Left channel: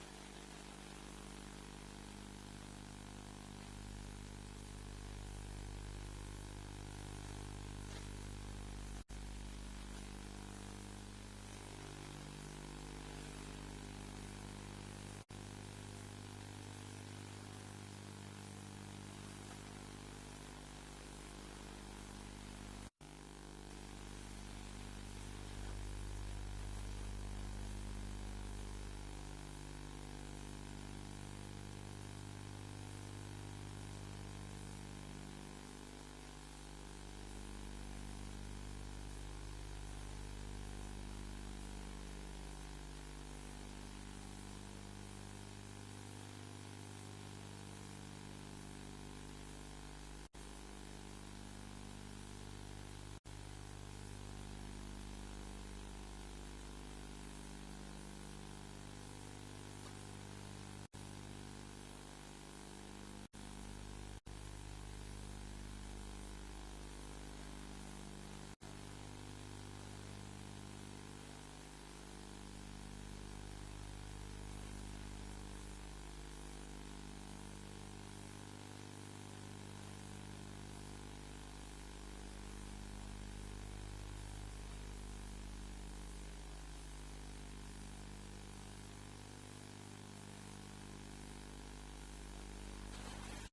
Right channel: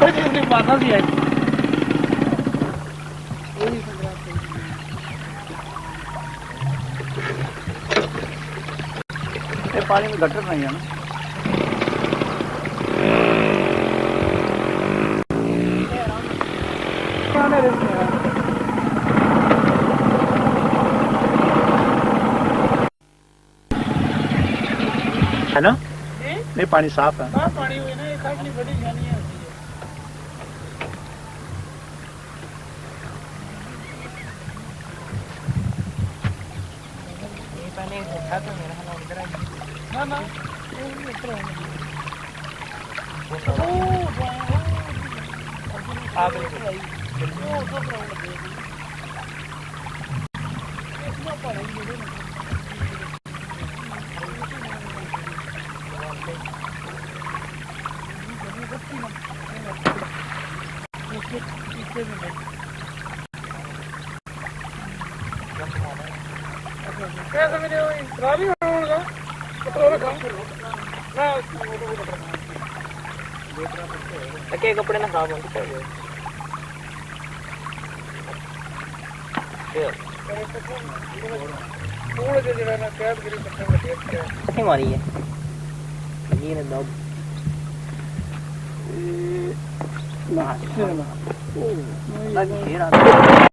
मारना सी है पानी में गटर नहीं है ना है ना नहीं पानी साफ है पानी हुई ना एक खाली बड़ी जानी है ये पानी उठा तो मेरा हाल उधर ना ना आप क्या समझ रहे हो खराब ही होगा पेट्रोल कम ना के कपड़े ना खराब होंगे थोड़े से जरा ना कैब गिरी कितनी मारी है ये ना दब ना